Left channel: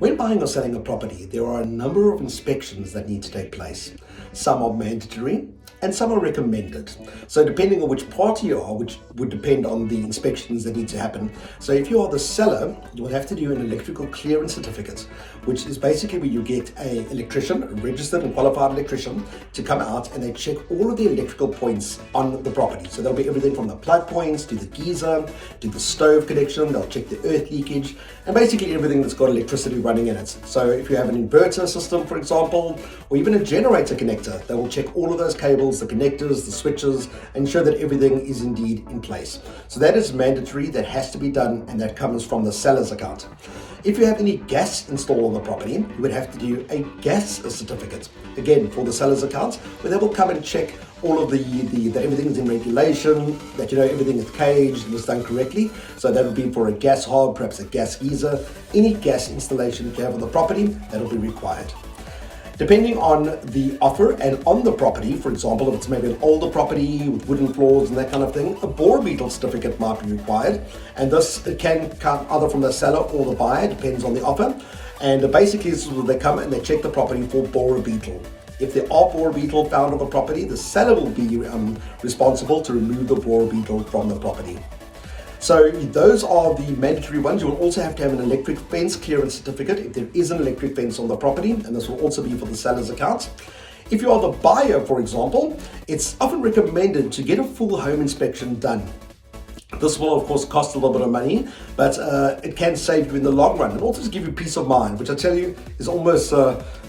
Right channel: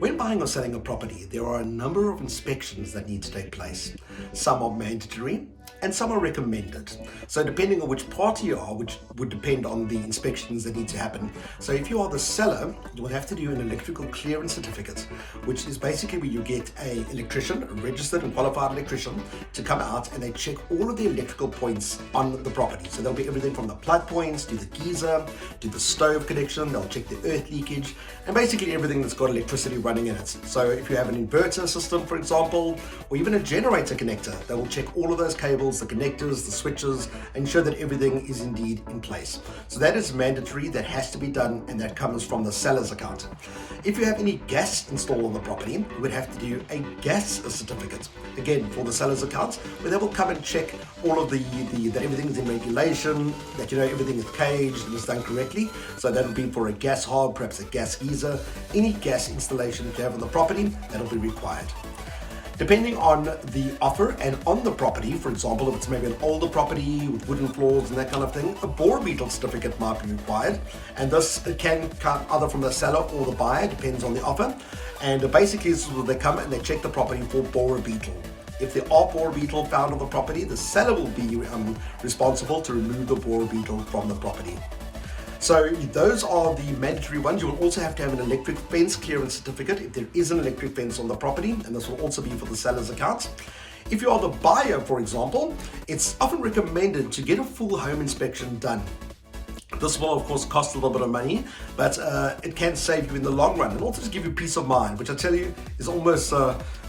When buying or selling a property, there are a number of inspections that need to take place. Some are mandatory and some are recommended. So depending on which party you are, which would depend on the inspections that need to happen. So if you are the seller, you will have to do an electrical clearance certificate, which is basically where you get an electrician, a registered and qualified electrician, to come out and they check all of the electrical points on the property. So there'll be everything from the plug points to the geyser, to the stove connection. They'll check the earth leakage and basically everything that's got electricity running in it. So if you have an inverter system, for example, or even a generator connector, they will check all of those cables, the connectors, the switches, and ensure that everything is indeed in place. So that is mandatory, that has to be done, and that comes from the seller's account. If you have any gas installed on the property, you would have to do a gas certificate, again for the seller's account, where they will come and check all of that everything is in regulation, that everything is caged and is done correctly. So that will be for a gas hob, perhaps a gas geyser, any gas installation that you have on the property, that will be required. Depending on the offer and on the property, for example, if it's maybe an older property with wooden floors and that kind of thing, a bore beetle certificate might be required. And this can come either from the seller or the buyer, depends on the offer. And basically, this is where they come and they check the property for bore beetle. If there are bore beetle found on the property, the seller will be responsible to remove the bore beetle from the property. So those are the mandatory ones. You will also have to have an electric fence clearance certificate if there is an electric fence on the property, and this will also be for the seller's account. If you are the buyer, for example, it's often recommended to get a full home inspection done. This will, of course, cost a little bit of money, but it can save you in the long run and also to give you peace of mind, which I tell you is almost,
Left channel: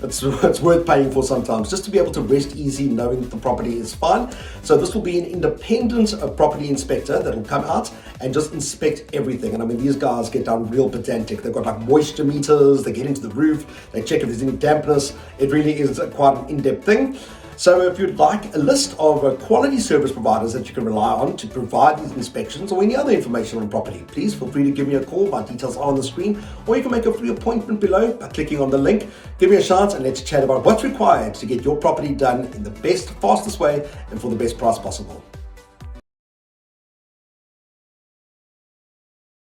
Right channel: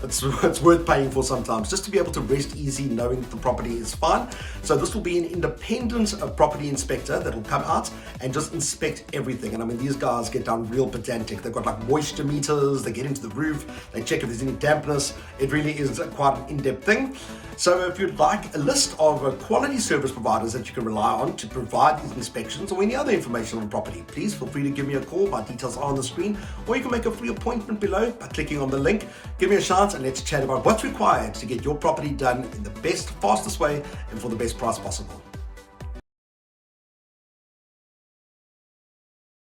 it's worth paying for sometimes, just to be able to rest easy knowing that the property is fine. So this will be an independent property inspector that will come out and just inspect everything. And I mean, these guys get down real pedantic. They've got like moisture meters, they get into the roof, they check if there's any dampness. It really is quite an in-depth thing. So if you'd like a list of quality service providers that you can rely on to provide these inspections or any other information on property, please feel free to give me a call. My details are on the screen, or you can make a free appointment below by clicking on the link. Give me a chance and let's chat about what's required to get your property done in the best, fastest way and for the best price possible.